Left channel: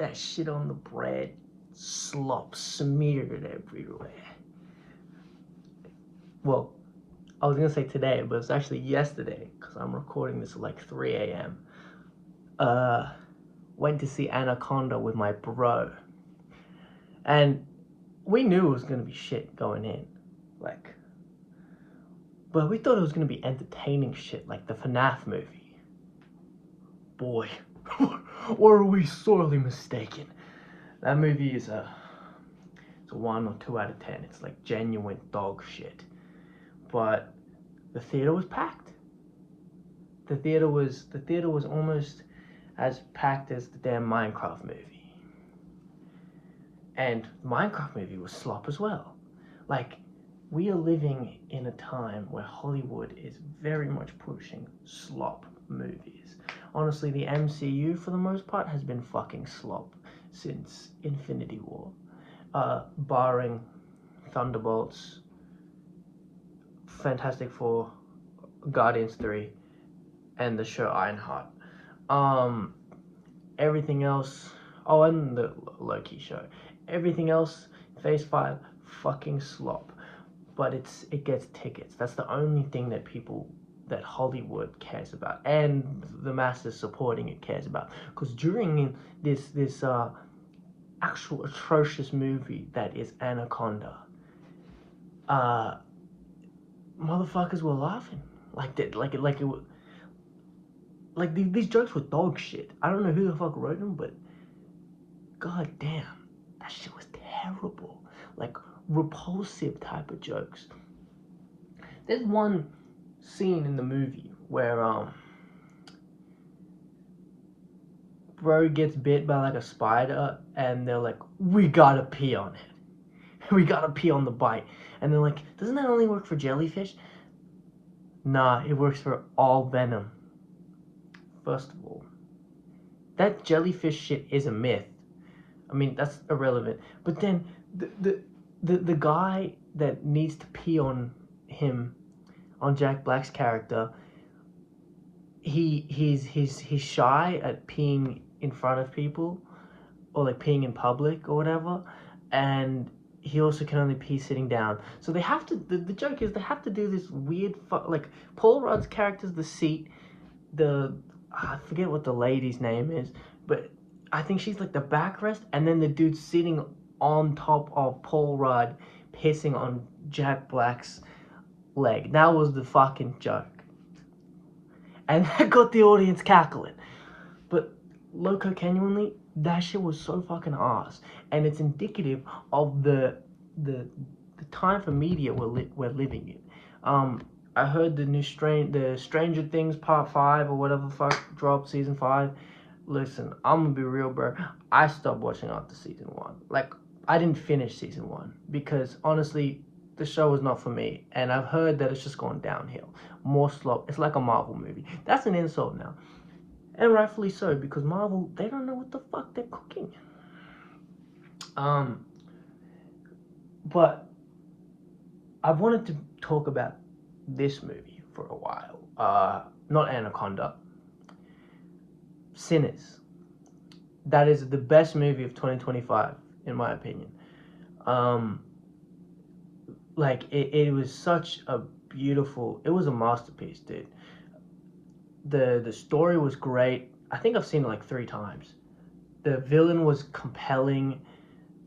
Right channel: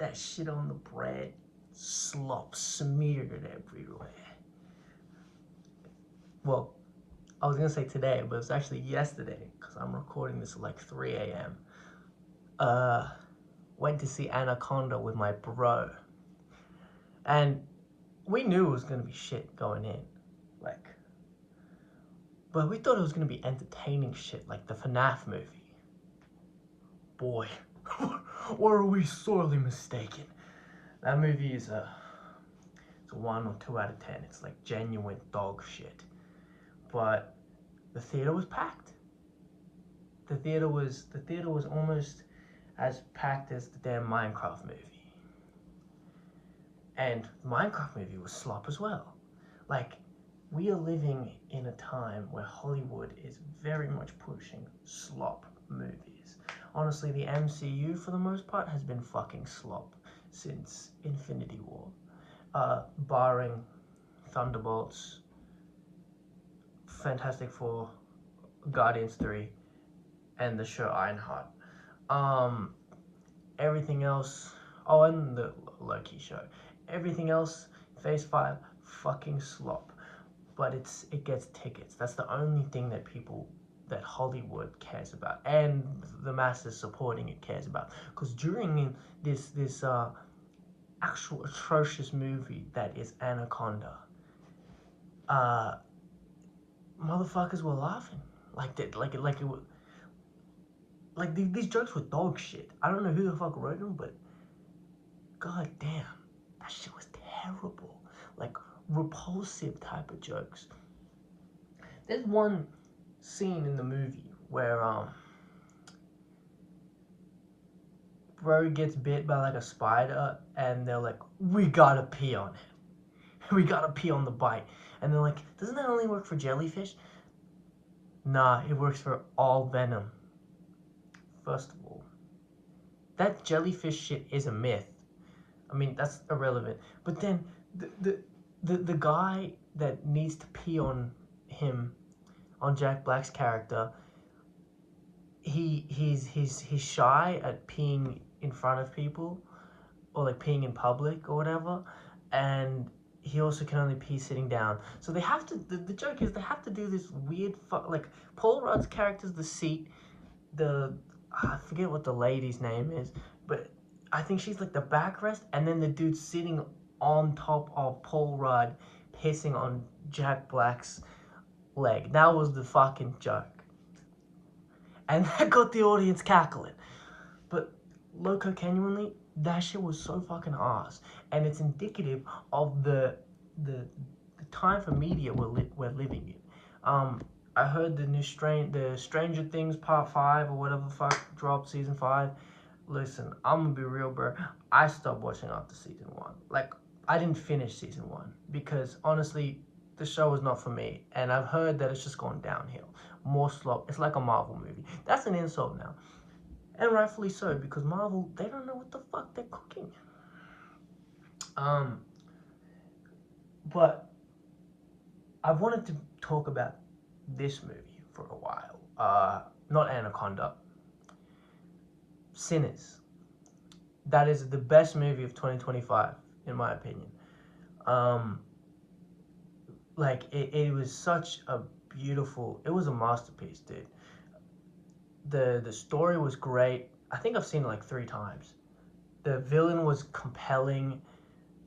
that shit on the bread, slop smeared everywhere. Well, I was gonna say today, but it's actually yesterday because I'm recording this at like 3 a.m. Went to see Anaconda with my bro, and we knew it was gonna be shit going in, like, but we thought it was gonna be entertaining shit like the FNAF movie. Boy, were we sorely mistaken. That movie is it's a 1 or 2 out of 10. It's like genuine dog shit. But the theater was packed. The theater was almost as packed as the damn Minecraft movie. And the Minecraft movie was slop as well. Like, we are living in a time where Hollywood is very much pushing slop movies. Honestly, the MCU for the most part has been fucking slop since Infinity War. Barring Thunderbolts, Fantastic Four, Guardians 3, and the show Ironheart. Everything else, oh, and the Loki show. Everything else, Phase 5, fucking slop. But it gets tickets. That's the only thing that Hollywood cares about, and the masses supporting it cares about. Because during this actual atrocious movie that is Anaconda, motherfuckers were laughing like that, like it was. Like, these jokes were dog shit. I don't know who the fuck wrote them, but god damn, that shit was terrible. Like, repulsive type of jokes. There's one scene in the movie where bro gets bit by like a spider, and they're like, we gotta pee on it. We gotta pee on the bite. And they're like, doesn't that only work for jellyfish? Nah, it works for all venom. First of all, that jellyfish shit is a myth. I mean, that's irrelevant. But then the guy that needs to pee on him, on Jack Black's character, he's shy at peeing in front of people, or like peeing in public or whatever, and he also can only pee sitting down. So they have to. The joke is they have to do this weird like Paul Rudd's character's the seat. I forget what the lady's name is, but I think she's like the backrest, and then the dude's sitting on top of Paul Rudd, pissing on Jack Black's leg. That was the fucking joke. And that got the audience cackling. But loco, genuinely, that shit was so fucking ass. And it's indicative of the time for media we're living in. I heard the Stranger Things Part 5 or whatever the fuck dropped, Season 5. Listen, I'm gonna be real, bro. I stopped watching after Season 1. Like, I didn't finish Season 1 because, honestly, the show was not for me. And I've heard that it's just gone downhill. More slop. It's like a Marvel movie. That's an insult now. And rightfully so, because Marvel, they don't know what the fuck they're cooking. But I wanted to talk about this movie for a while. Not Anaconda. Sinners. That is the best movie of 2025, in my opinion. Like, it was such a beautiful, it was a masterpiece, dude. The story was great. I think I've seen it like 3 times. The villain was compelling.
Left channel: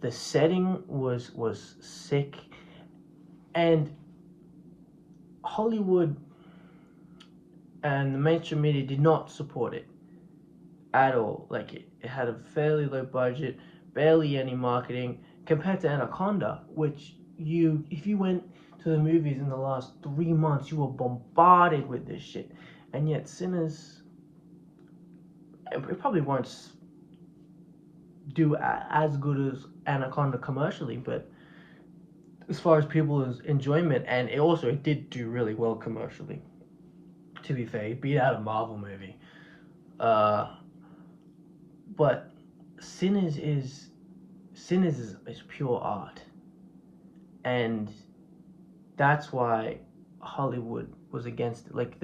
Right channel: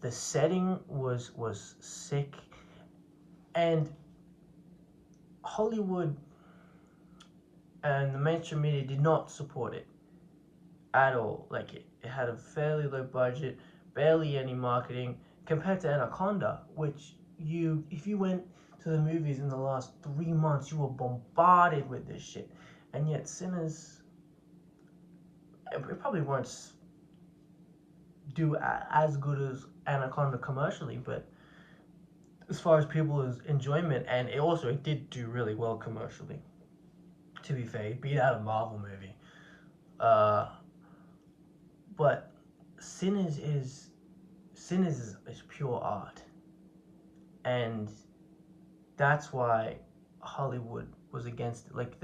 The setting was sick. And Hollywood and the mainstream media did not support it at all. Like, it had a fairly low budget, barely any marketing, compared to Anaconda, which if you went to the movies in the last 3 months, you were bombarded with this shit. And yet Sinners, it probably won't do as good as Anaconda commercially, but as far as people's enjoyment, and it did do really well commercially. To be fair, it beat out a Marvel movie. But Sinners is pure art, and that's why Hollywood was against it. Like,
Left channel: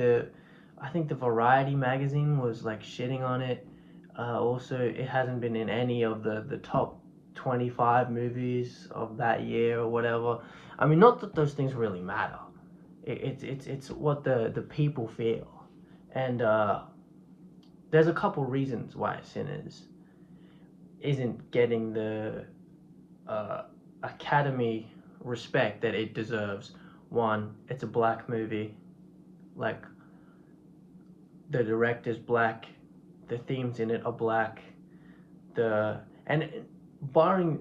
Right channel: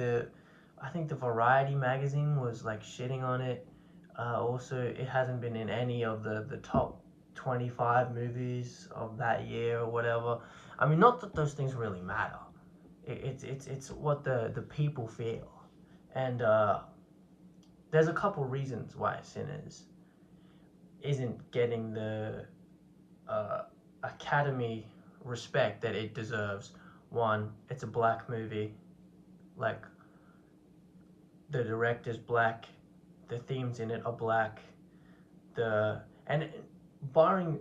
I think the Variety magazine was like shitting on it. Also, it hasn't been in any of the top 25 movies of that year or whatever. I mean, not that those things really matter. It's what the people feel, and there's a couple reasons why Sinners isn't getting the uh, Academy respect that it deserves. One, it's a black movie. Like, the director's black, the themes in it are black. The and barring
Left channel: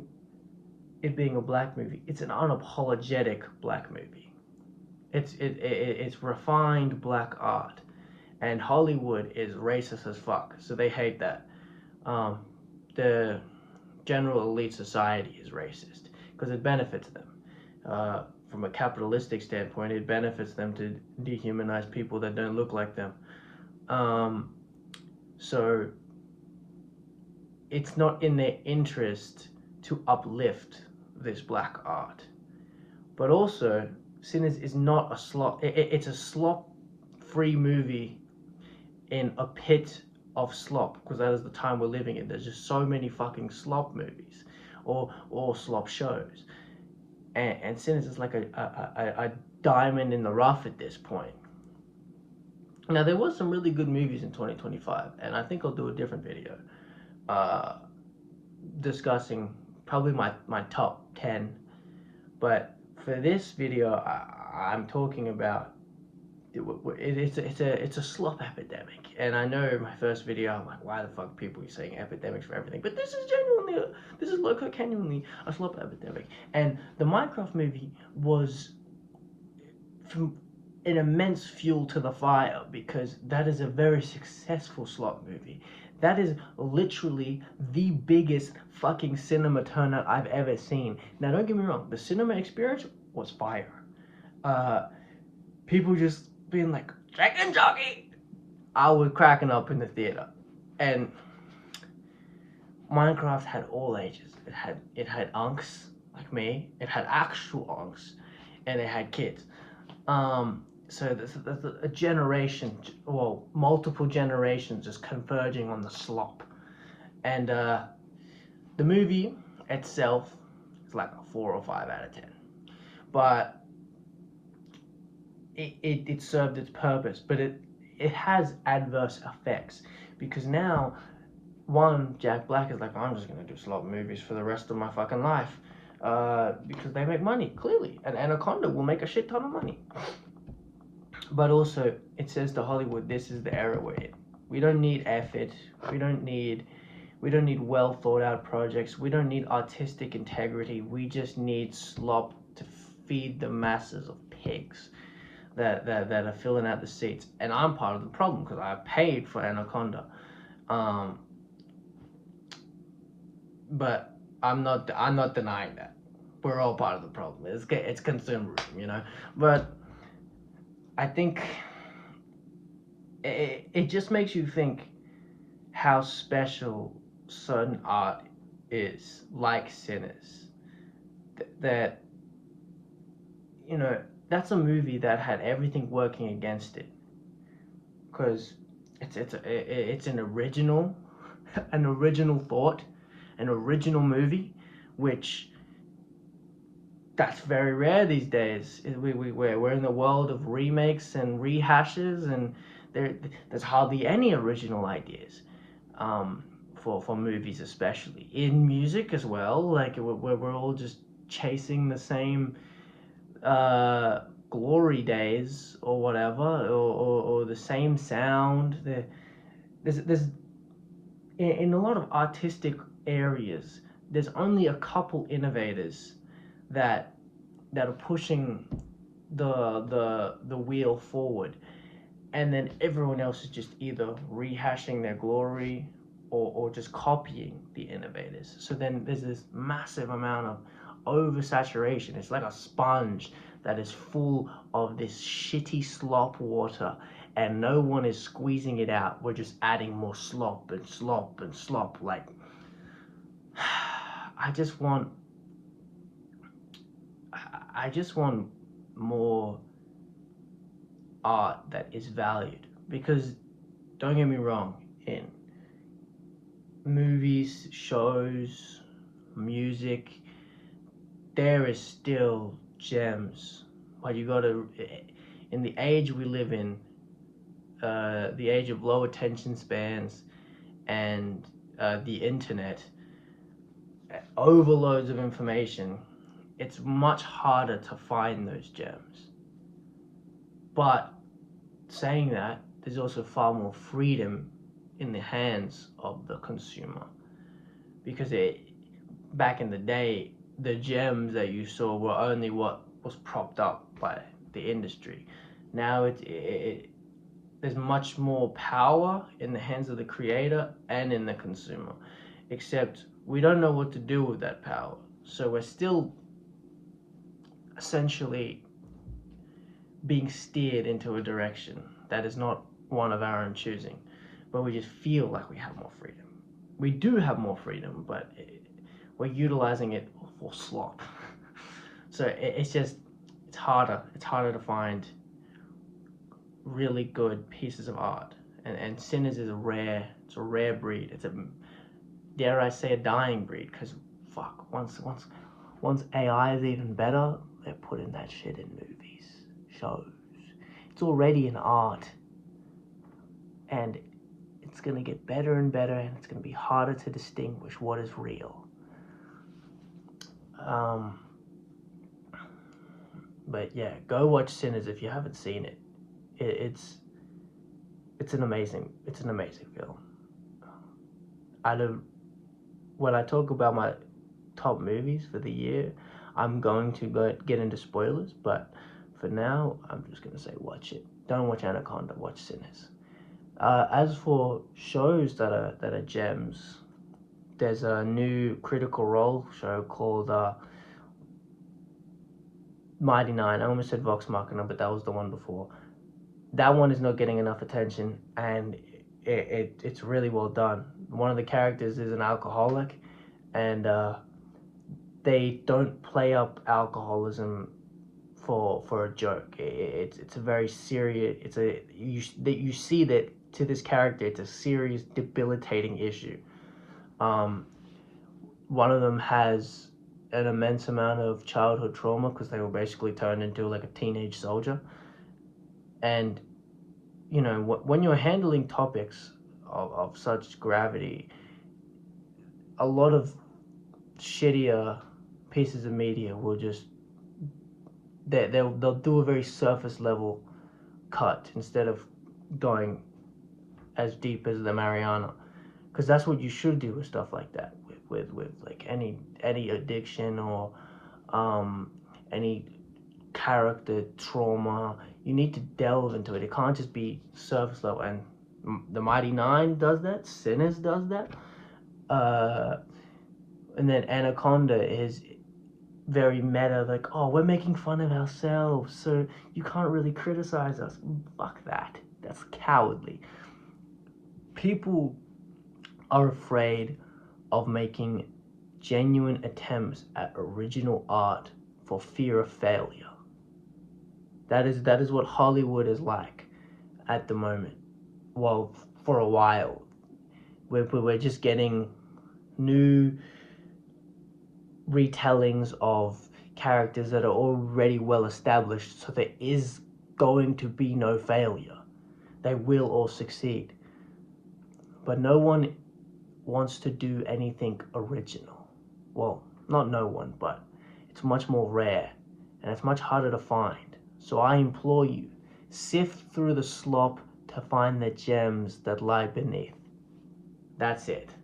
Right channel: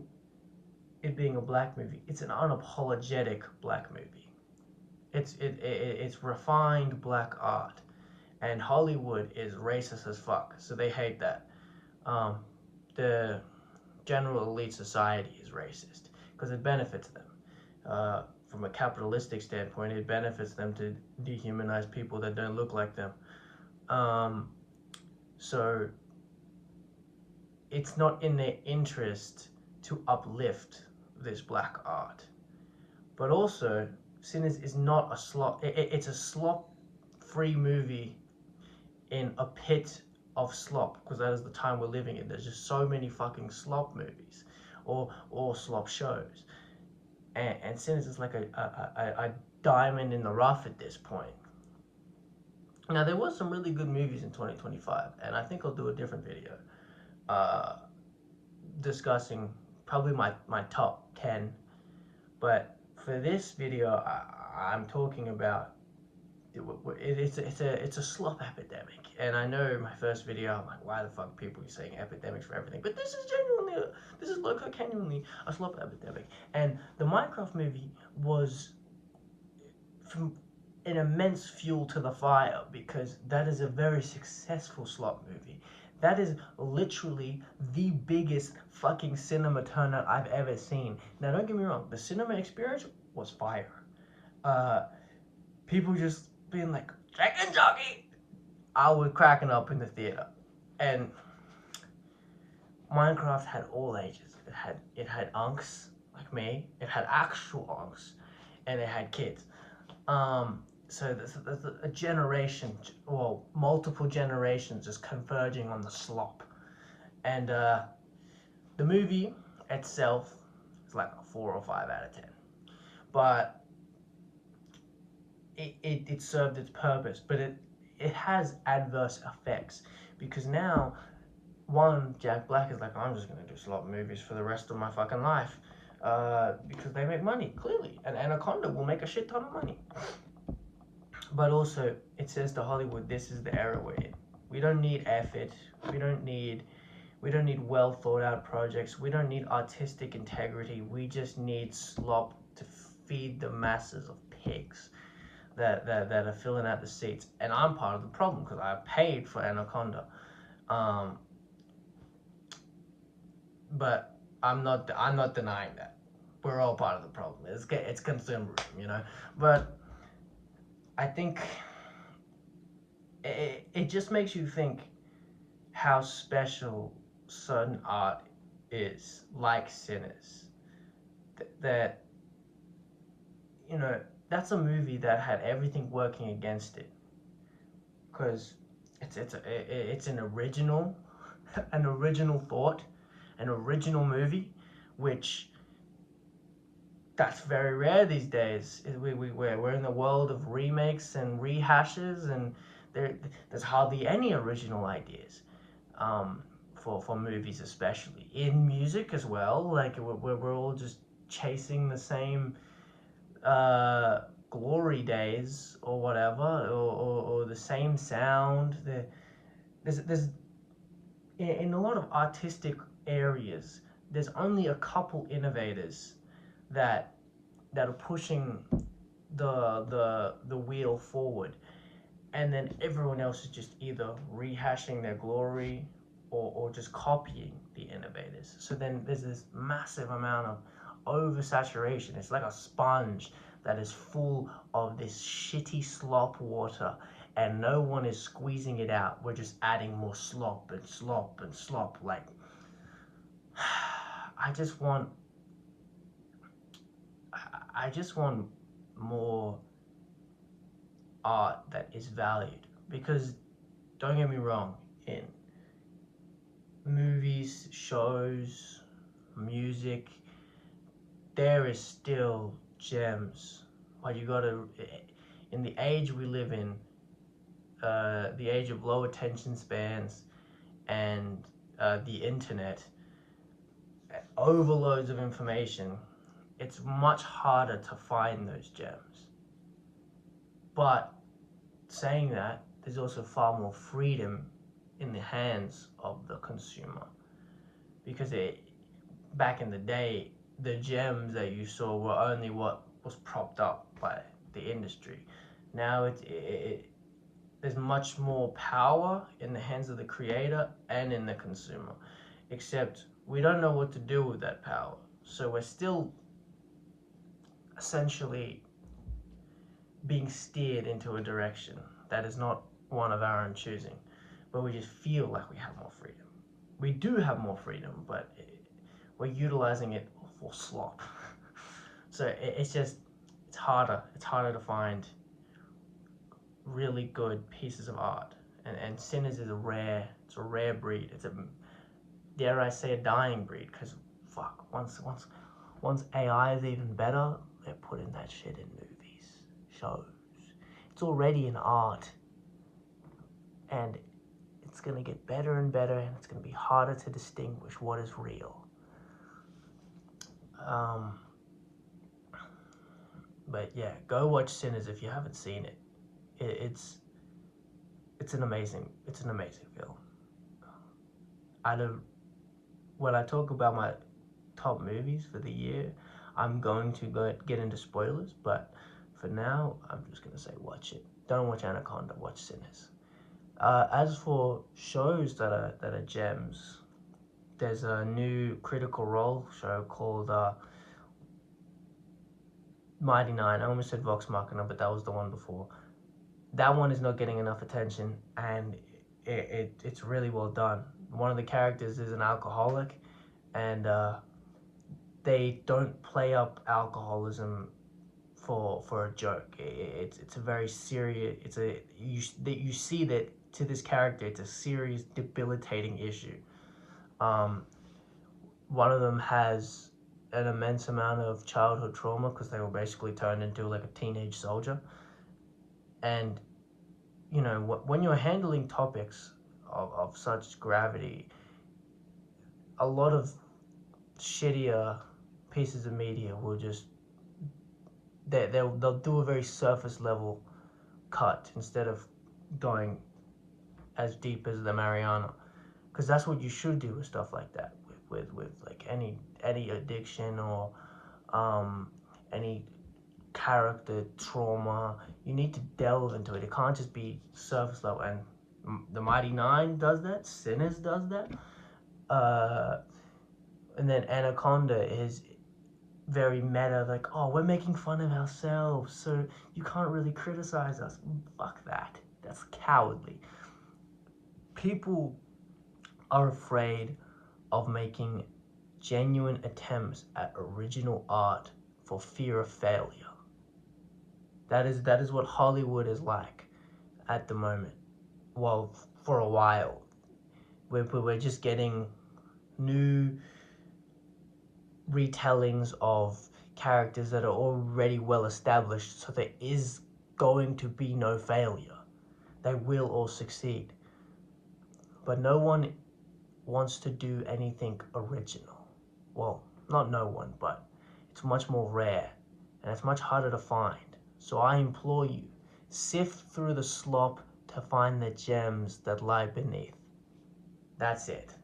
it being a black movie, it's an unapologetic black movie. It's refined black art, and Hollywood is racist as fuck, so they hate that. Um, the general elite society is racist because it benefits them. From a capitalistic standpoint, it benefits them to dehumanize people that don't look like them. Um, so it's not in their interest to uplift this black art. But also, Sinners is not a slop. It's a slop-free movie in a pit of slop, because that is the time we're living in. There's just so many fucking slop movies or slop shows, and Sinners is like a diamond in the rough at this point. Now, there was some really good movies in 2025, and I think I'll do a different video discussing probably my top 10. But for this video, I'm talking about it's a slop epidemic. And I know my first video, I'm like, why the fuck people are saying epidemics for everything? But this is genuinely a slop epidemic. And the Minecraft movie was from an immense fuel to the fire, because that is a very successful slop movie. That is literally the biggest fucking cinema turnout I've ever seen. Now, don't get me wrong, the cinema experience was fire. People just being like, chicken jockey! I was cracking up in the theater. And Minecraft had all ages. It had unks like me. It had actual unks, and it had kids. So there's a generation, well, multiple generations just converging on the slop. And the movie itself is like a 4 or 5 out of 10. But it served its purpose, but it has adverse effects, because now, one, Jack Black is like, I'm just gonna do slop movies for the rest of my fucking life, because they make money, clearly, and Anaconda will make a shit ton of money. But also, it says to Hollywood, this is the era we're in. We don't need effort. We don't need well thought out projects. We don't need artistic integrity. We just need slop to feed the masses of pigs that are filling out the seats. And I'm part of the problem, because I paid for Anaconda. But I'm not denying that. We're all part of the problem. It's consumerism, you know. But I think it just makes you think how special certain art is, like Sinners. That, you know, that's a movie that had everything working against it, because it's an original thought, an original movie, which that's very rare these days. We're in the world of remakes and rehashes, and there's hardly any original ideas for movies, especially in music as well. Like, we're all just chasing the same glory days or whatever, or the same sound. There's in a lot of artistic areas, there's only a couple innovators that are pushing the wheel forward, and then everyone else is just either rehashing their glory or just copying the innovators. So then there's this massive amount of oversaturation. It's like a sponge that is full of this shitty slop water, and no one is squeezing it out. We're just adding more slop and slop and slop. Like, I just want more art that is valued, because don't get me wrong, in movies, shows, music, there is still gems. But you gotta, in the age we live in, the age of low attention spans and the internet, overloads of information, it's much harder to find those gems. But saying that, there's also far more freedom in the hands of the consumer, because back in the day, the gems that you saw were only what was propped up by the industry. Now there's much more power in the hands of the creator and in the consumer, except we don't know what to do with that power. So we're still essentially being steered into a direction that is not one of our own choosing, but we just feel like we have more freedom. We do have more freedom, but we're utilizing it for slop. So it's harder. It's harder to find really good pieces of art, and Sinners is a rare breed. It's a, dare I say, a dying breed, because fuck, once AI is even better, they're putting that shit in movies, shows. It's already an art, and it's gonna get better and better, and it's gonna be harder to distinguish what is real. But yeah, go watch Sinners if you haven't seen it. It's an amazing film. When I talk about my top movies for the year, I'm going to get into spoilers, but for now, I'm just gonna say watch it. Don't watch Anaconda, watch Sinners. As for shows that are gems, there's a new Critical Role show called Mighty Nine. I almost said Vox Machina, but that was the one before. That one is not getting enough attention, and it's really well done. One of the characters is an alcoholic, and they don't play up alcoholism for a joke. It's a very serious. You see that to this character, it's a serious, debilitating issue. One of them has an immense amount of childhood trauma because they were basically turned into like a teenage soldier. And you know, when you're handling topics of such gravity, a lot of shittier pieces of media will just they'll do a very surface level cut instead of going as deep as the Mariana, because that's what you should do with stuff like that, with like any addiction or any character trauma. You need to delve into it. It can't just be surface level. And the Mighty Nine does that. Sinners does that. And then Anaconda is very meta, like, oh, we're making fun of ourselves, so you can't really criticize us. Fuck that. That's cowardly. People are afraid of making genuine attempts at original art for fear of failure. That is what Hollywood is like at the moment. Well, for a while. We're just getting new retellings of characters that are already well established, so there is going to be no failure. They will all succeed. But no one wants to do anything original. Well, not no one, but it's much more rare, and it's much harder to find. So I implore you, sift through the slop to find the gems that lie beneath. That's it.